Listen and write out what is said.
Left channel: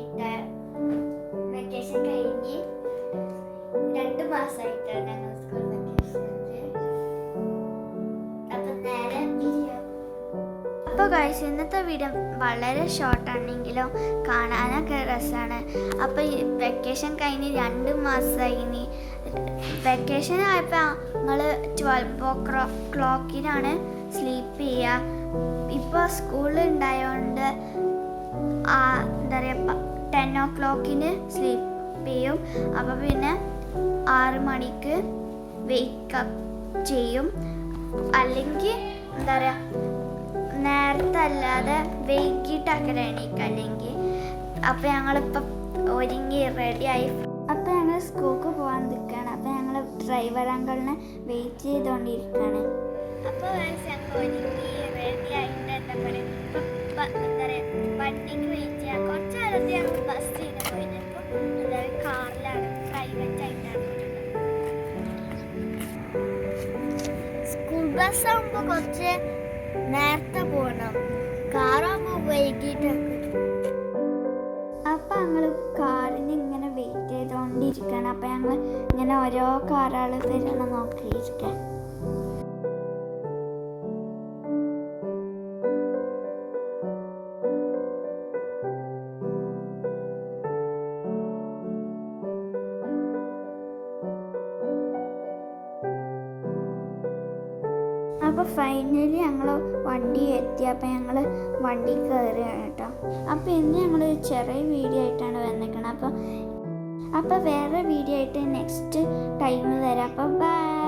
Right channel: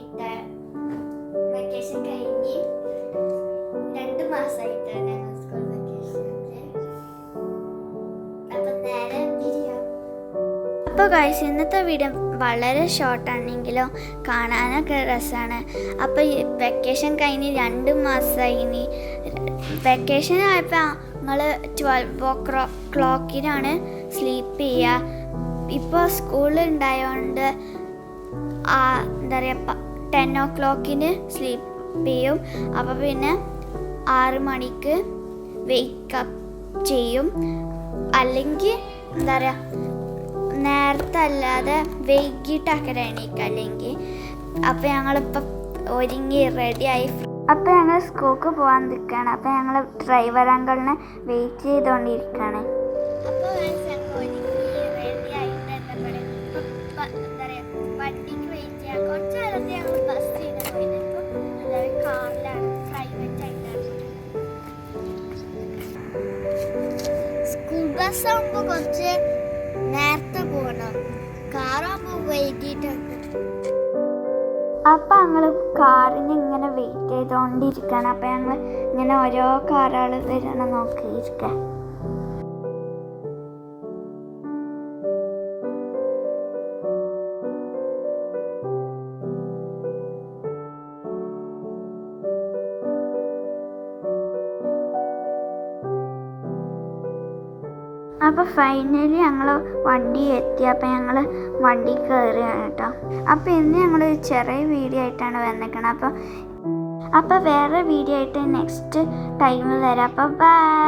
കിട്ട വെക്കേഷൻ കഴിഞ്ഞ് 2 മാസമായിട്ടാണ് ഞങ്ങൾ സ്കൂൾ വെക്കേഷൻ. അപ്പം നേരെ ബിരിയാണി. അപ്പോൾ ഗൈസ്, ഇന്നത്തെ വീഡിയോ വളരെ ഷോർട്ടാണെങ്കിലും കാണാനൊക്കെ രസമാണ്. അപ്പോൾ ഈ വെക്കേഷൻ കഴിഞ്ഞ് 2 മാസമായി. വെക്കേഷൻ ആയപ്പോൾ ഞങ്ങൾ 12 o'clock സ്ലീപ്പ് ചെയ്യുക. ഇപ്പോൾ സ്കൂൾ ഉണ്ടായതുകൊണ്ട് എന്താ പറയുക 10 o'clock സ്ലീപ്പ് ചെയ്യും. അപ്പോൾ പിന്നെ 6 മണിക്ക് വേക്കപ്പ് ചെയ്യും. അല്ലെങ്കിൽ എന്താ പറയുക നേരത്തെ അല്ലാതെ വൈകിട്ടൊക്കെ എണീക്കുക അല്ലെങ്കിൽ. അപ്പോൾ ഞങ്ങളിപ്പോൾ ഒരുങ്ങി റെഡിയായി. അപ്പോൾ ഞങ്ങൾ സ്കൂൾക്ക് പോകാൻ നിൽക്കുകയാണ്. അപ്പോൾ ഞങ്ങൾ ഡ്രൈവർ അങ്കിളിനെ വെയിറ്റ് ചെയ്തുകൊണ്ടിരിക്കുകയാണ്. അപ്പോൾ ഞങ്ങൾ ഒരുങ്ങി റെഡി ആയിട്ട് എന്താ പറയുക വണ്ടിക്ക് വെയിറ്റ് ചെയ്യാം. കുറച്ച് കാലത്ത് ഞങ്ങൾ ബസ്സിന് പോയത്. ഇപ്പോൾ എന്താ പറയുക കാറിലാണ്, പ്രൈവറ്റ് ആയിട്ടാണ്. സ്കൂൾ ബസ്സാകുമ്പോൾ കുറച്ച് നേരത്തെ പോകണം, കാറാകുമ്പോൾ വൈകിട്ടൊക്കെ. അപ്പം ഞങ്ങൾ കാറിന് ഇങ്ങനെ വെയിറ്റ് ചെയ്തുകൊണ്ടിരിക്കുകയാണ്. അപ്പം ഞങ്ങൾ ഇങ്ങനെ ഓരോ കാറുകൾ വരണം നോക്കിയിരിക്കുക. അപ്പോൾ ഫൈനലി ഞങ്ങൾ വണ്ടി എത്തി. അപ്പോൾ ഞങ്ങൾ വണ്ടി കയറുകയാണ് കേട്ടോ. അപ്പോൾ ഇന്ന് ഞങ്ങൾ ചെറിയ വീഡിയോ ആയിട്ടാണ് വന്നിരിക്കുന്നത്. അപ്പോൾ വേറെ വീഡിയോ ആയിട്ട് നെക്സ്റ്റ് ടൈമിൽ വരാം. അപ്പോൾ ബൈ.